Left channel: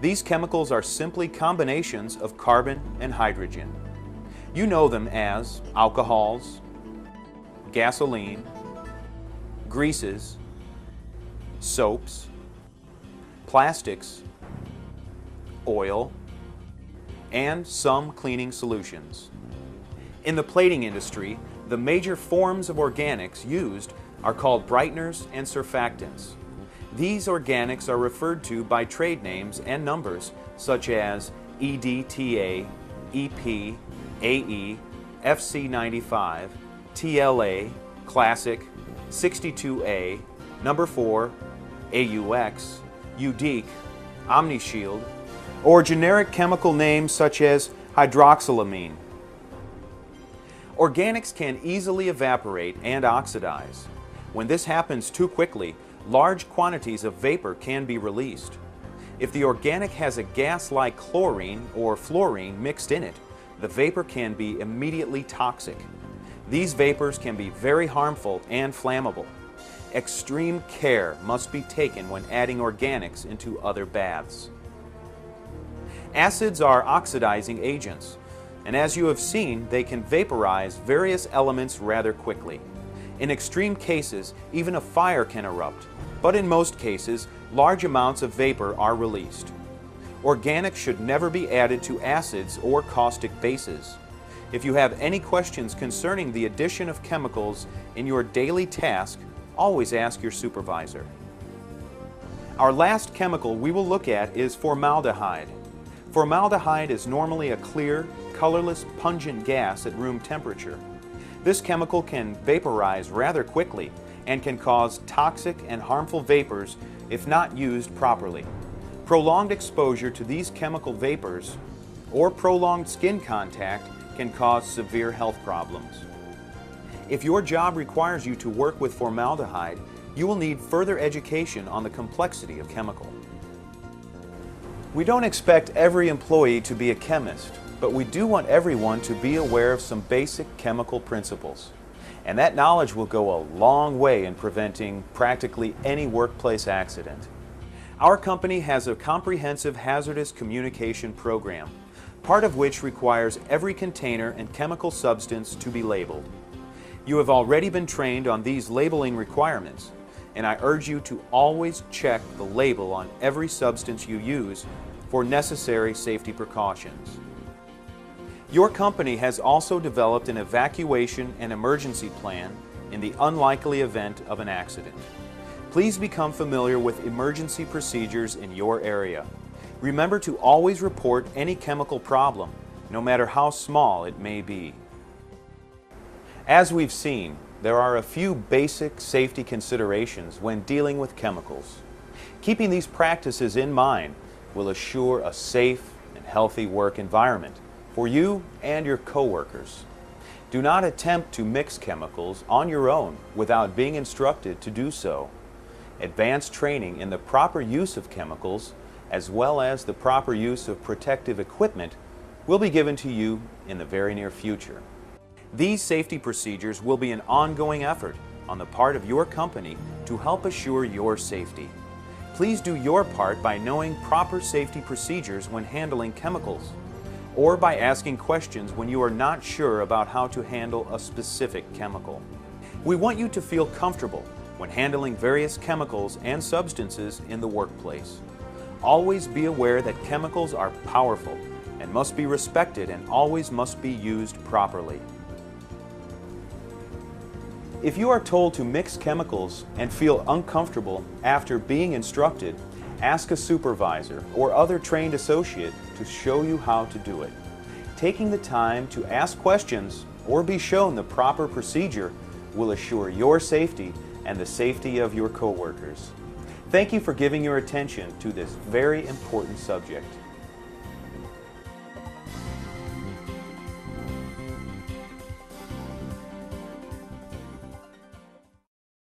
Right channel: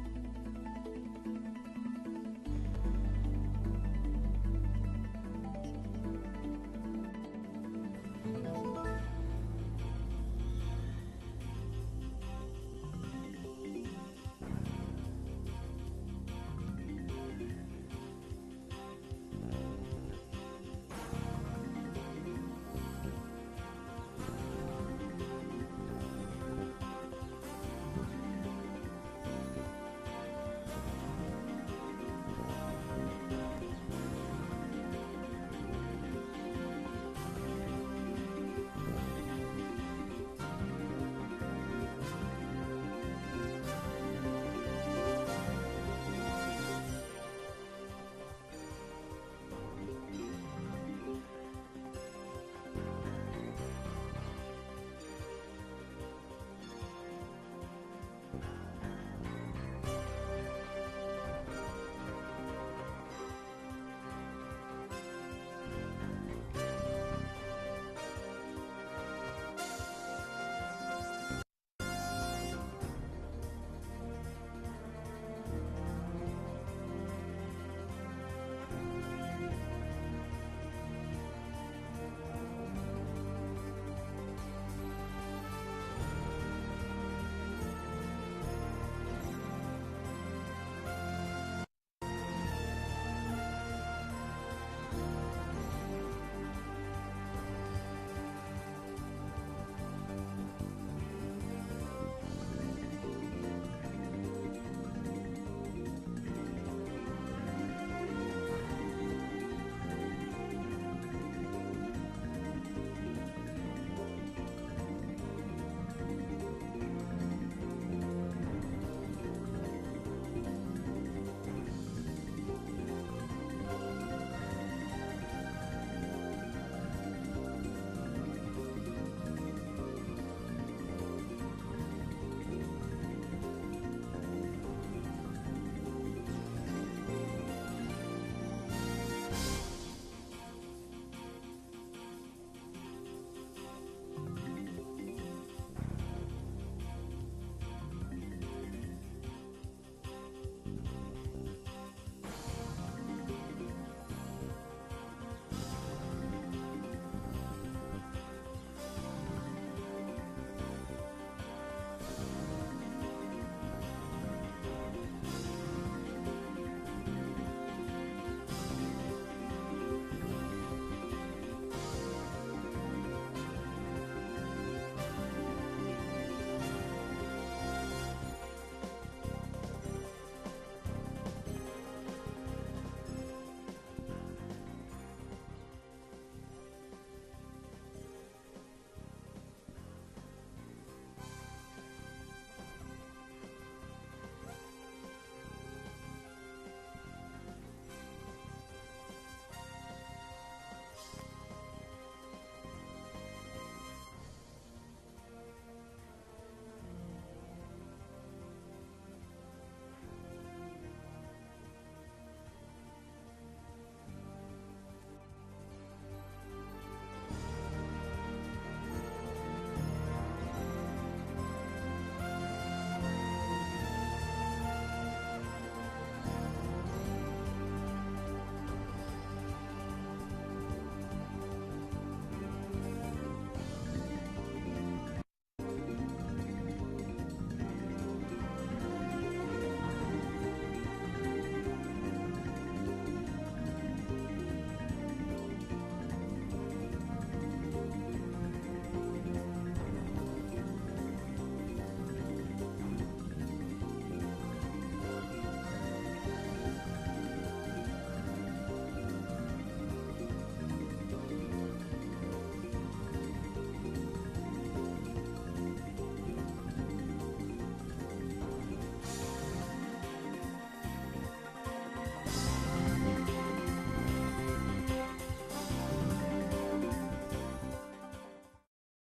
These chemicals are simply combinations of carbon and hydrogen. You know them as alcohols, gasoline, greases, soaps, plastics, oil, and some cleaning solutions. In the plating industry, the major forms of organics used are called brighteners and surfactants. These organics are referred to by trade names and numbers such as EDTA, EP, AE, FC95, TLA, Classic, 62A, Number 4, AUX, UDEEC, OmniShield, or generic chemical names such as hydroxylamine. Organics can easily evaporate and oxidize. When this happens too quickly, large quantities of vapor can be released. If the organic has a gas like chlorine or fluorine mixed in it, the vapor can be immediately toxic. These vapors can be very harmful and flammable. Extreme care must be taken when adding organics into other baths. Acids are oxidizing agents, and as you have seen, they can vaporize various elements rather quickly. In extreme cases, even a fire can erupt, but in most cases, large amounts of vapor are released. Organics should never be added to acids or caustic bases. If you have any questions concerning the addition of chemicals in your daily task, always ask your supervisor. Our last chemical we will look at is formaldehyde. Formaldehyde is normally a clear, colorless, pungent gas at room temperature. This chemical can vaporize rather quickly and can cause toxic and harmful vapors if not used properly. Prolonged exposure to these chemical vapors or prolonged skin contact can cause severe health problems. If your job requires you to work with formaldehyde, you will need further education on the complexity of chemical. We don't expect every employee to be a chemist, but we do want everyone to be aware of some basic chemical principles. And that knowledge will go a long way in preventing practically any workplace accident. Our company has a comprehensive hazardous communication program, part of which requires every container and chemical substance to be labeled. You have already been trained on these labeling requirements, and I urge you to always check the label on every substance you use for necessary safety precautions. Your company has also developed an evacuation and emergency plan in the unlikely event of an accident. Please become familiar with emergency procedures in your area. Remember to always report any chemical problem, no matter how small it may be. As we've seen, there are a few basic safety considerations when dealing with chemicals. Keeping these practices in mind will assure a safe and healthy work environment for you and your coworkers. Do not attempt to mix chemicals on your own without being instructed to do so. Advanced training in the proper use of chemicals, as well as the proper use of protective equipment, will be given to you in the very near future. These safety procedures will be an ongoing effort on the part of your company to help assure your safety. Please do your part by knowing proper safety procedures when handling chemicals, or by asking questions when you are not sure about how to handle a specific chemical. We want you to feel comfortable when handling various chemicals and substances in the workplace. Always be aware that chemicals are powerful and must be respected and always must be used properly. If you are told to mix chemicals and feel uncomfortable after being instructed, ask a supervisor or other trained associate to show you how to do it. Taking the time to ask questions or be shown the proper procedure will assure your safety and the safety of your coworkers. Thank you for giving your attention to this very important subject.